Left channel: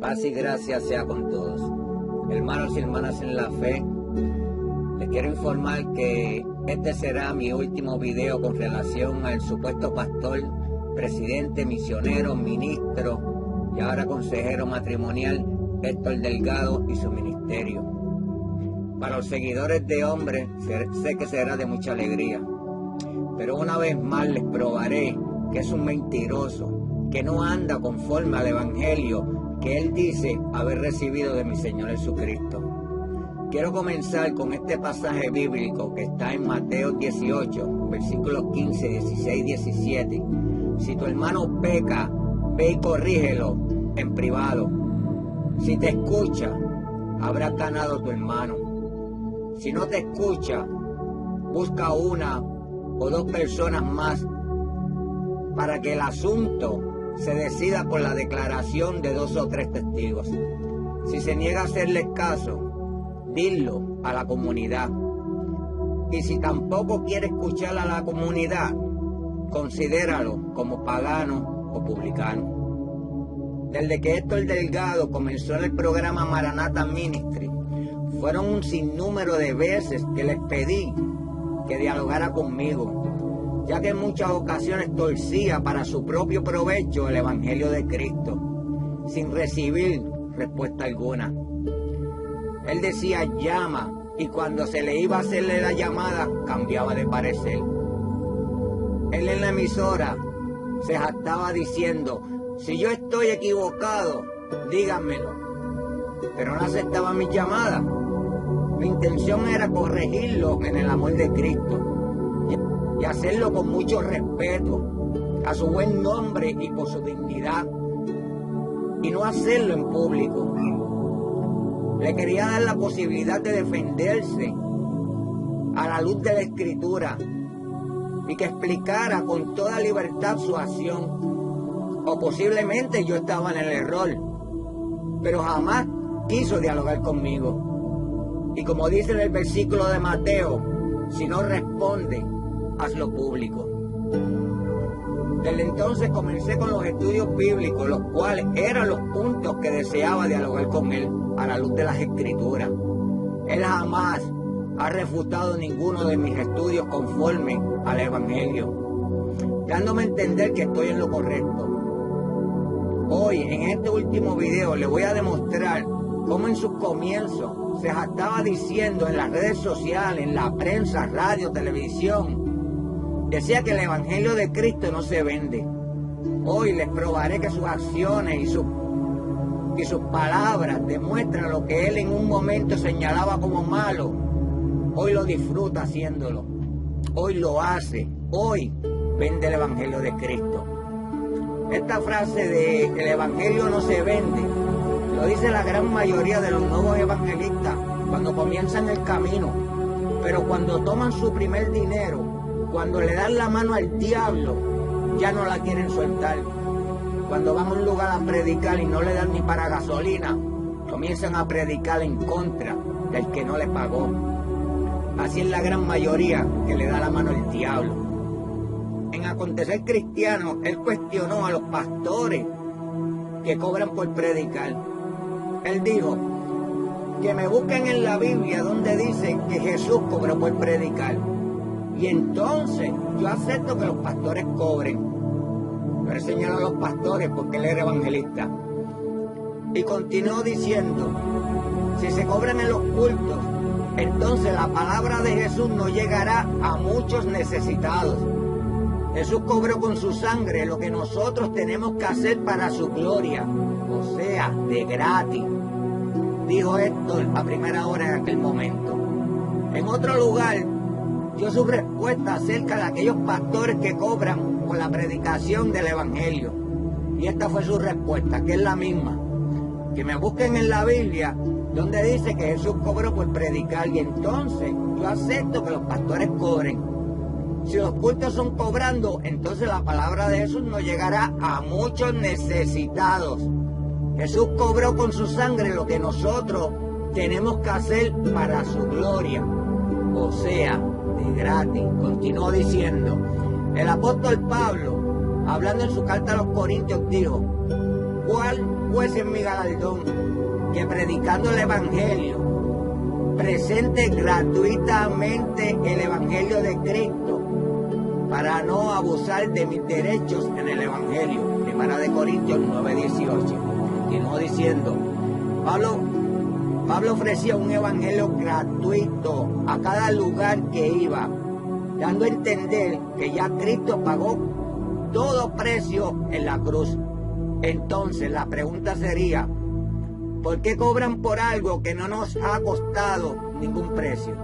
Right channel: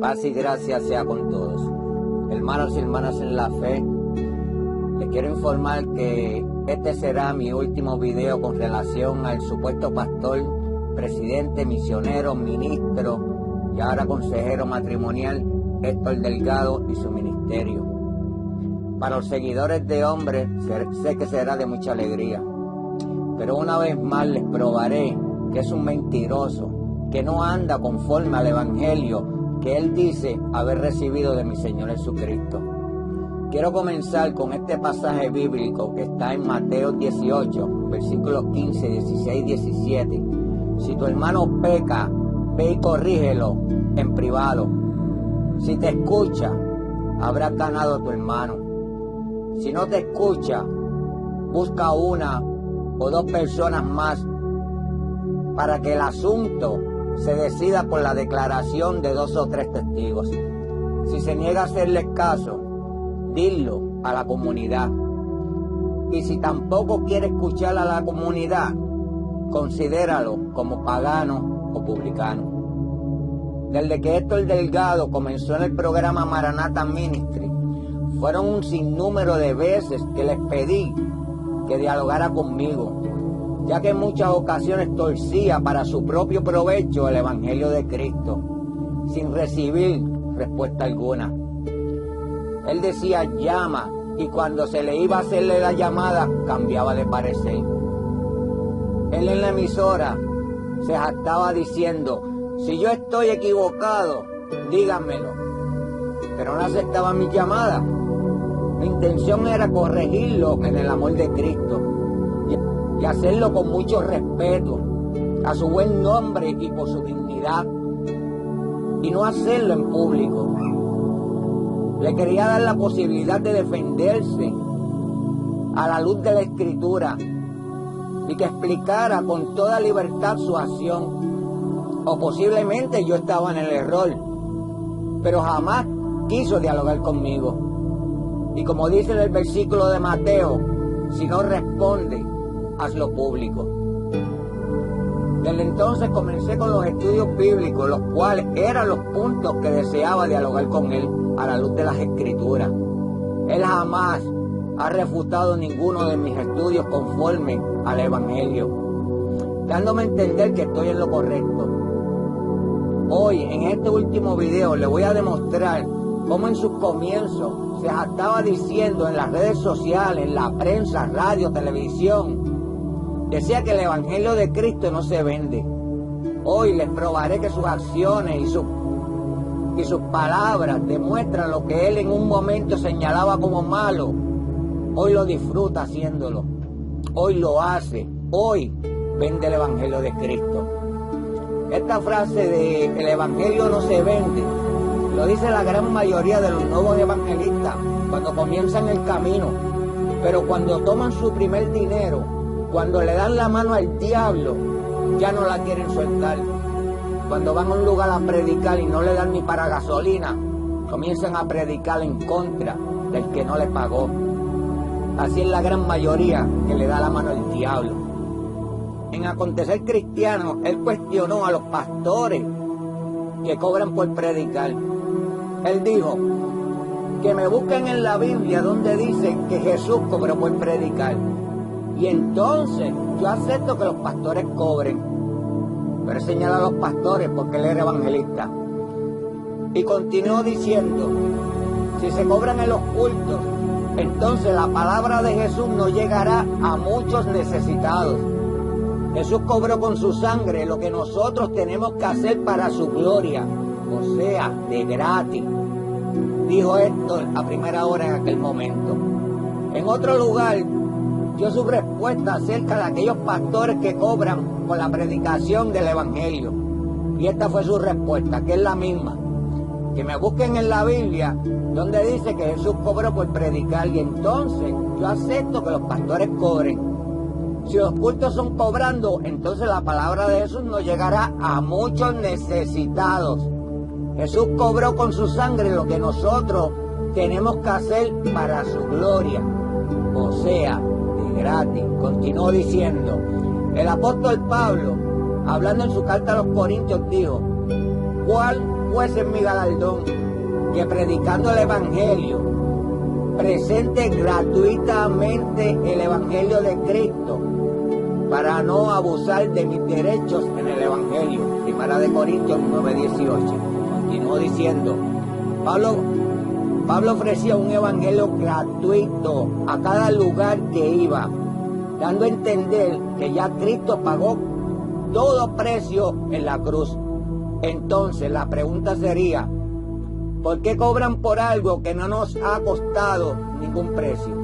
Paz y gracia sea con todos. Hermanos y hermanas en la fe, les quiero informar que este será mi último video con relación al supuesto pastor, presidente, misionero, ministro y ahora consejero matrimonial Héctor Delgado y su ministerio. Para los seguidores de hombres sé que será de mucha alegría, pero una vez más les probaré que es un mentiroso, que no anda conforme al evangelio que él dice haber recibido de mi Señor Jesucristo. Quiero comenzar con este pasaje bíblico que está en Mateo 18, versículos 15, 16, 17. Si tu hermano peca, ve y corrígelo en privado. Si te escucha, habrás ganado a tu hermano. Si no te escucha, busca una o dos personas más para que el asunto se decida por la declaración de 2 o 3 testigos. Si se niega a hacerles caso, dilo a la comunidad. Y si tampoco quiere escuchar a la comunidad, considéralo como pagano o publicano. Desde que Héctor Delgado comenzó en el programa Maranatha Ministry, fueron un sinnúmero de veces que les pedí que dialogara conmigo, ya que en muchas ocasiones torcía para su propio provecho el Evangelio de Cristo, sin recibir respuesta alguna. Él decía llama, y cuando se le iba a hacerle la llamada, cambiaba de parecer. Él en la emisora se jactaba diciendo, si yo estoy equivocado, díganmelo, pero no aceptaba mi llamada. Mi intención era corregirlo en el amor de Cristo y hacerlo con mucho respeto a su buen nombre y por su dignidad, y no hacerlo en público. Le quería dar la posibilidad de defenderse a la luz de la Escritura y que explicara con toda libertad su acción, o posiblemente yo estaba en el error, pero jamás quiso dialogar conmigo. Y como dice en el versículo de Mateo, si no responde, hazlo público. Desde entonces comencé con los estudios bíblicos, los cuales eran los puntos que deseaba dialogar con él a la luz de las Escrituras. Él jamás ha refutado ninguno de mis estudios conforme al Evangelio, dándome a entender que estoy en lo correcto. Hoy, en este último video, le voy a demostrar cómo en sus comienzos se estaba diciendo en las redes sociales, en la prensa, radio, televisión, decía que el Evangelio de Cristo no se vende. Hoy les probaré que sus acciones y sus palabras demuestran lo que él en un momento señalaba como malo. Hoy lo disfruta haciéndolo. Hoy lo hace. Hoy vende el Evangelio de Cristo. Esta frase de el Evangelio no se vende lo dice la gran mayoría de los nuevos evangelistas cuando comienzan el camino, pero cuando toman su primer dinero, cuando le dan la mano al diablo, ya no la quieren soltar. Cuando van a un lugar a predicar y no le dan ni para gasolina, comienzan a predicar en contra del que no le pagó. Así es la gran mayoría que le da la mano al diablo. En Acontecer Cristiano, él cuestionó a los pastores que cobran por predicar. Él dijo que me busquen en la Biblia donde dice que Jesús cobró por predicar. Y entonces yo acepto que los pastores cobren. Pero él señala a los pastores porque él era evangelista. Y continuó diciendo, si se cobran en los cultos, entonces la palabra de Jesús no llegará a muchos necesitados. Jesús cobró con su sangre lo que nosotros tenemos que hacer para su gloria, o sea, de gratis, dijo Héctor a primera hora en aquel momento. En otro lugar, dio su respuesta acerca de aquellos pastores que cobran por la predicación del Evangelio. Y esta fue su respuesta, que es la misma. Que me busquen en la Biblia donde dice que Jesús cobró por predicar, y entonces yo acepto que los pastores cobren. Si los cultos son cobrando, entonces la palabra de Jesús no llegará a muchos necesitados. Jesús cobró con su sangre lo que nosotros tenemos que hacer para su gloria, o sea, de gratis. Continuó diciendo, el apóstol Pablo, hablando en su carta a los Corintios, dijo, ¿cuál pues es mi galardón? Que predicando el Evangelio, presente gratuitamente el Evangelio de Cristo para no abusar de mis derechos en el Evangelio. Primera de Corintios 9:18. Continuó diciendo, Pablo ofrecía un evangelio gratuito a cada lugar que iba, dando a entender que ya Cristo pagó todo precio en la cruz. Entonces la pregunta sería, ¿por qué cobran por algo que no nos ha costado ningún precio?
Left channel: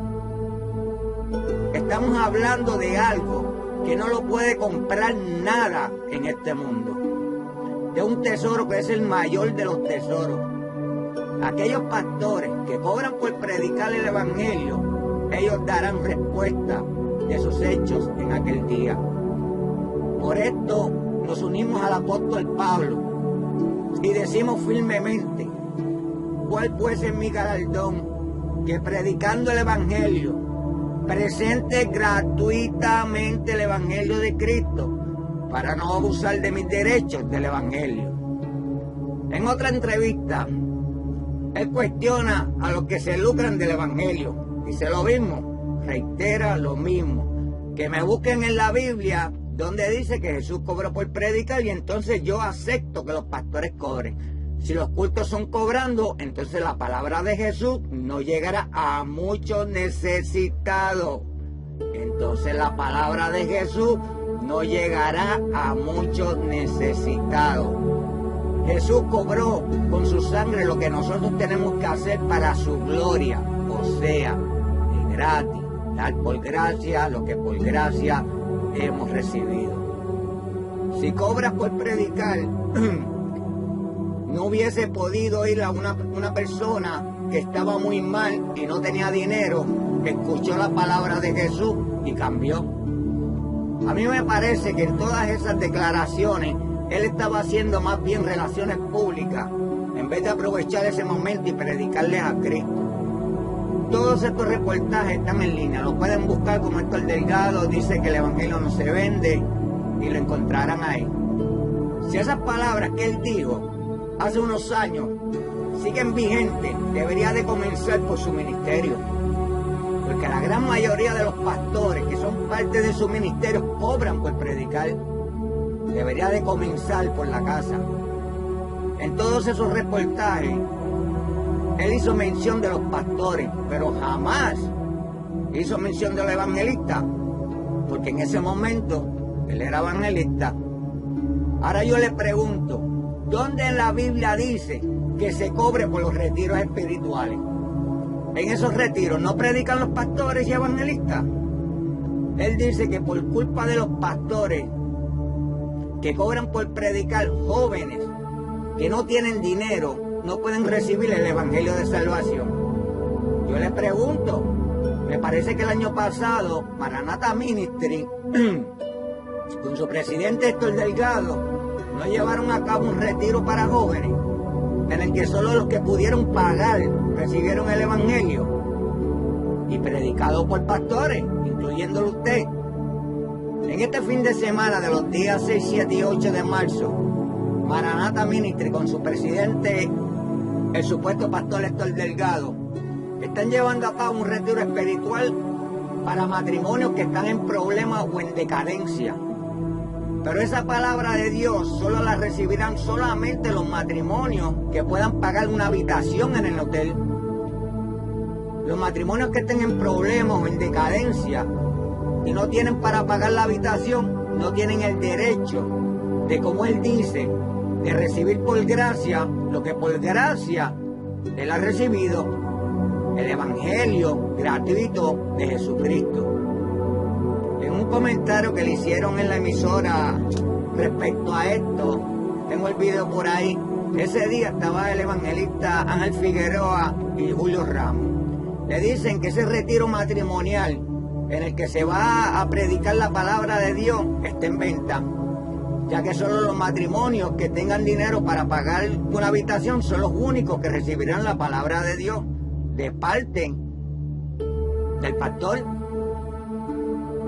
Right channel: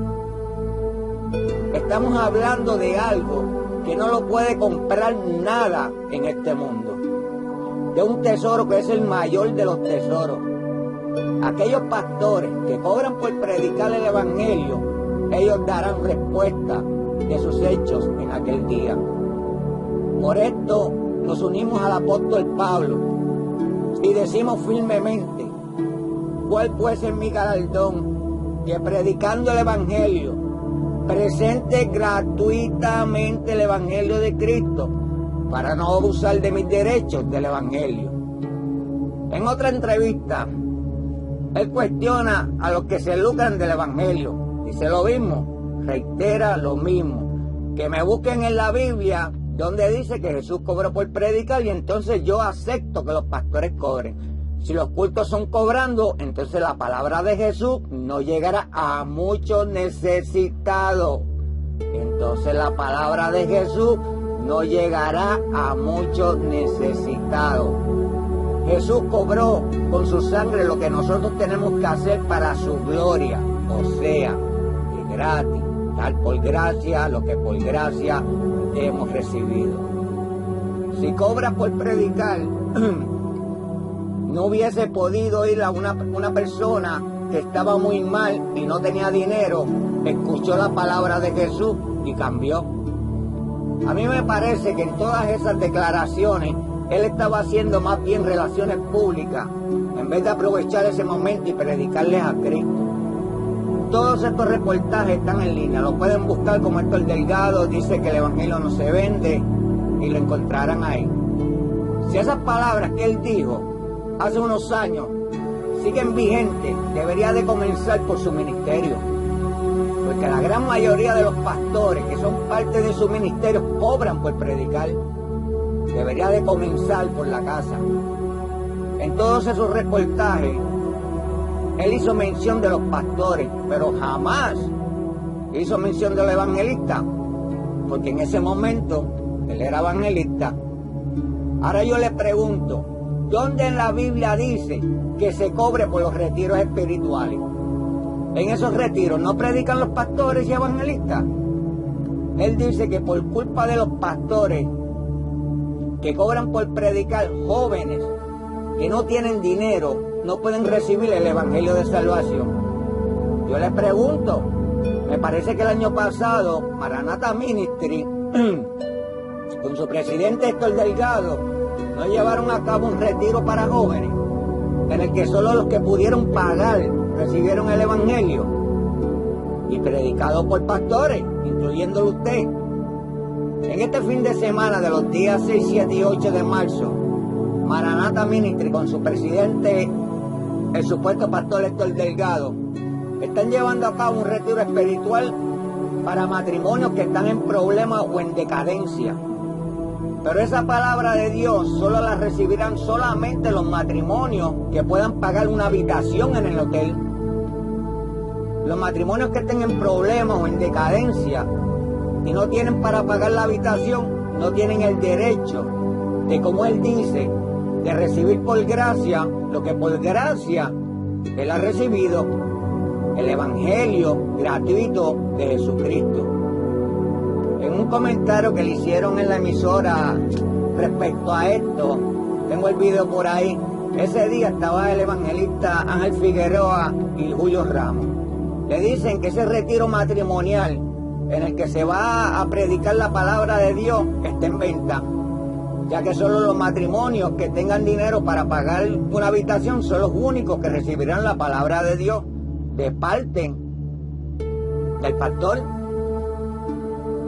Estamos hablando de algo que no lo puede comprar nada en este mundo, de un tesoro que es el mayor de los tesoros. Aquellos pastores que cobran por predicar el Evangelio, ellos darán respuesta de sus hechos en aquel día. Por esto nos unimos al apóstol Pablo y decimos firmemente, ¿cuál pues es mi galardón? Que predicando el Evangelio, presente gratuitamente el Evangelio de Cristo, para no abusar de mis derechos del Evangelio. En otra entrevista, él cuestiona a los que se lucran del Evangelio. Dice lo mismo, reitera lo mismo. Que me busquen en la Biblia donde dice que Jesús cobró por predicar y entonces yo acepto que los pastores cobren. Si los cultos son cobrando, entonces la palabra de Jesús no llegará a muchos necesitados. Entonces la palabra de Jesús no llegará a muchos necesitados. Jesús cobró con su sangre lo que nosotros tenemos que hacer para su gloria, o sea, de gratis, dar por gracia lo que por gracia hemos recibido. Si cobras por predicar, no hubiese podido ir a una persona que estaba muy mal y no tenía dinero, escuchó la palabra de Jesús y cambió. A mí me parece que en todas esas declaraciones él estaba haciendo más bien relaciones públicas en vez de aprovechar ese momento y predicarles a Cristo. Todos estos reportajes están en línea, lo pueden buscar como Héctor Delgado dice que el Evangelio no se vende y lo encontrarán ahí. Si esas palabras que él dijo hace unos años siguen vigentes, debería de comenzar por su ministerio. Porque la gran mayoría de los pastores que son parte de su ministerio cobran por predicar. Debería de comenzar por la casa. En todos esos reportajes, él hizo mención de los pastores, pero jamás hizo mención del evangelista, porque en ese momento él era evangelista. Ahora yo le pregunto, ¿dónde en la Biblia dice que se cobre por los retiros espirituales? En esos retiros no predican los pastores y evangelistas. Él dice que por culpa de los pastores que cobran por predicar, jóvenes que no tienen dinero no pueden recibir el evangelio de salvación. Yo les pregunto, me parece que el año pasado Maranatha Ministry con su presidente Héctor Delgado no llevaron a cabo un retiro para jóvenes en el que solo los que pudieron pagar recibieron el evangelio y predicado por pastores, incluyéndolo usted. En este fin de semana de los días 6, 7 y 8 de marzo, Maranatha Ministry con su presidente, el supuesto pastor Héctor Delgado, están llevando a cabo un retiro espiritual para matrimonios que están en problemas o en decadencia. Pero esa palabra de Dios solo la recibirán solamente los matrimonios que puedan pagar una habitación en el hotel. Los matrimonios que estén en problemas o en decadencia y no tienen para pagar la habitación, no tienen el derecho de, como él dice, de recibir por gracia lo que por gracia él ha recibido, el evangelio gratuito de Jesucristo. En un comentario que le hicieron en la emisora respecto a esto, tengo el video por ahí, ese día estaba el evangelista Ángel Figueroa y Julio Ramos. Le dicen que ese retiro matrimonial en el que se va a predicar la palabra de Dios está en venta, ya que solo los matrimonios que tengan dinero para pagar una habitación son los únicos que recibirán la palabra de Dios de parte del pastor.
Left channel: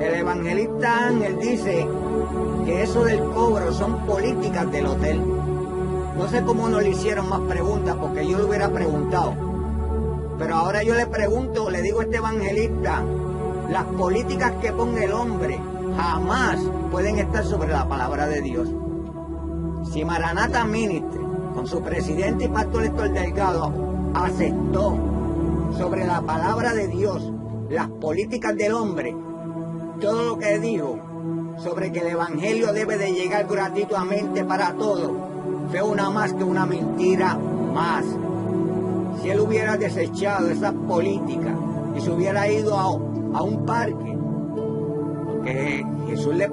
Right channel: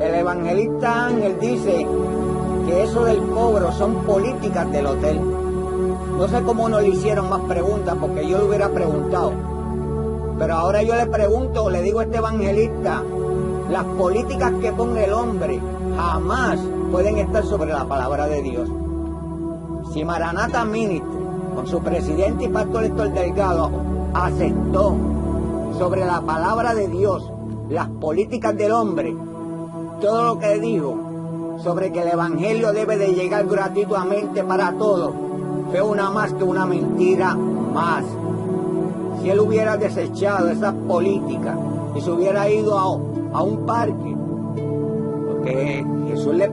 El evangelista Ángel dice que eso del cobro son políticas del hotel. No sé cómo no le hicieron más preguntas, porque yo le hubiera preguntado. Pero ahora yo le pregunto, le digo a este evangelista, las políticas que ponga el hombre jamás pueden estar sobre la palabra de Dios. Si Maranatha Ministry, con su presidente y pastor Héctor Delgado, aceptó sobre la palabra de Dios las políticas del hombre, todo lo que dijo sobre que el evangelio debe de llegar gratuitamente para todos, fue una más que una mentira más. Si él hubiera desechado esas políticas y se hubiera ido a un parque, porque Jesús le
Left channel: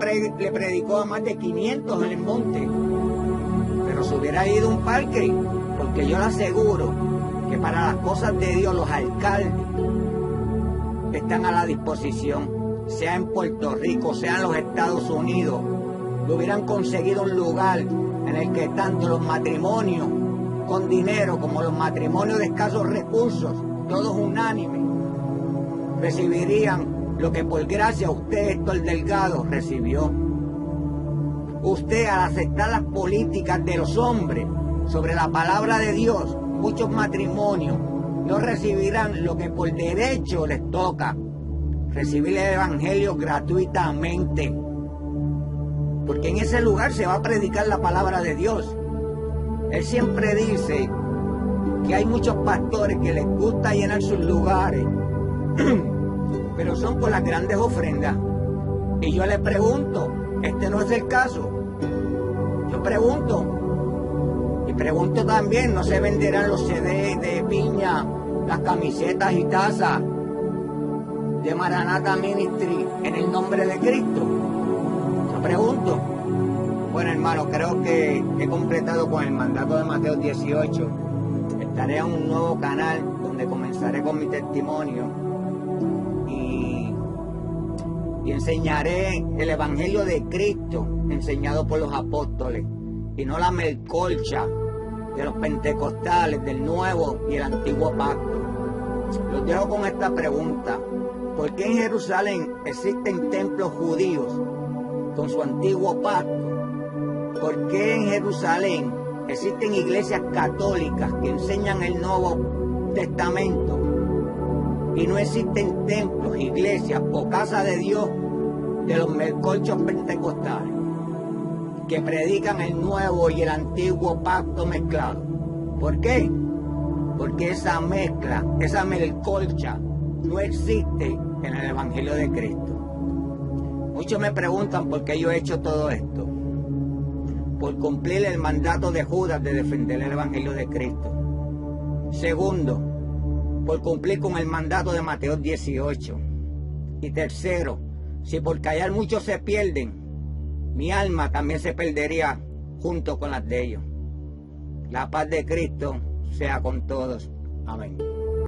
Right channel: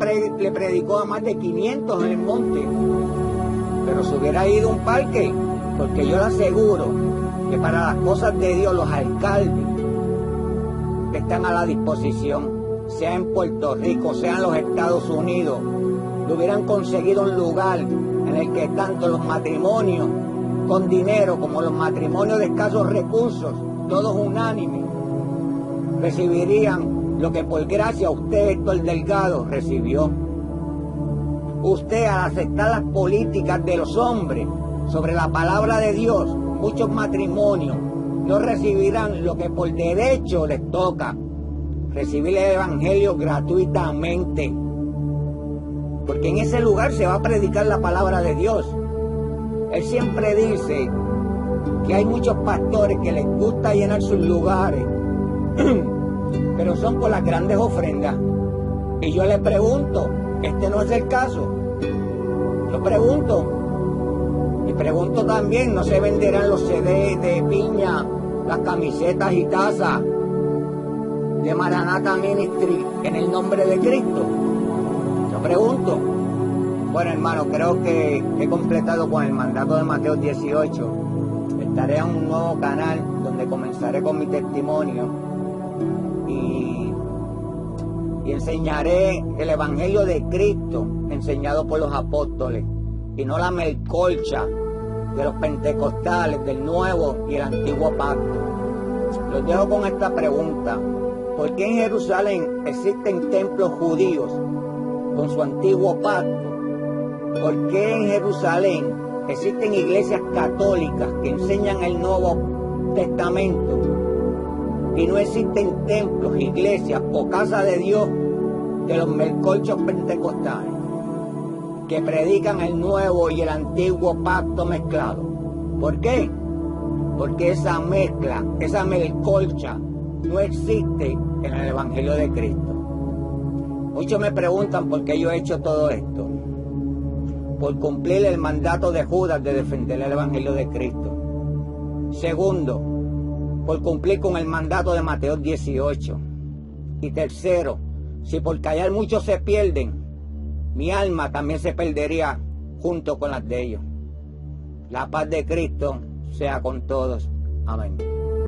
predicó a más de 500 en el monte, pero se hubiera ido a un parque, porque yo le aseguro que para las cosas de Dios los alcaldes están a la disposición, sea en Puerto Rico, sea en los Estados Unidos, le hubieran conseguido un lugar en el que tanto los matrimonios con dinero como los matrimonios de escasos recursos, todos unánimes, recibirían lo que por gracia usted, Héctor Delgado, recibió. Usted, al aceptar las políticas de los hombres sobre la palabra de Dios, muchos matrimonios no recibirán lo que por derecho les toca, recibir el evangelio gratuitamente. Porque en ese lugar se va a predicar la palabra de Dios. Él siempre dice que hay muchos pastores que les gusta llenar sus lugares, pero son por las grandes ofrendas. Y yo le pregunto, ¿este no es el caso? Yo pregunto. Y pregunto también, ¿no se venderán los CD de piña, las camisetas y tazas de Maranatha Ministry en el nombre de Cristo? Yo pregunto. Bueno, hermano, creo que he completado con el mandato de Mateo 18. Estaré en un nuevo canal donde comenzaré con mi testimonio y enseñaré el evangelio de Cristo enseñado por los apóstoles y no la melcolcha de los pentecostales del Nuevo y el Antiguo Pacto. Los dejo con esta pregunta: ¿por qué en Jerusalén existen templos judíos con su antiguo pacto? ¿Por qué en Jerusalén existen iglesias católicas que enseñan el Nuevo Testamento y no existen templos, iglesias o casa de Dios de los melcolchos pentecostales que predican el Nuevo y el Antiguo Pacto mezclado? ¿Por qué? Porque esa mezcla, esa melcolcha no existe en el Evangelio de Cristo. Muchos me preguntan por qué yo he hecho todo esto. Por cumplir el mandato de Judas de defender el Evangelio de Cristo. Segundo, por cumplir con el mandato de Mateo 18. Y tercero, si por callar muchos se pierden, mi alma también se perdería junto con las de ellos. La paz de Cristo sea con todos. Amén.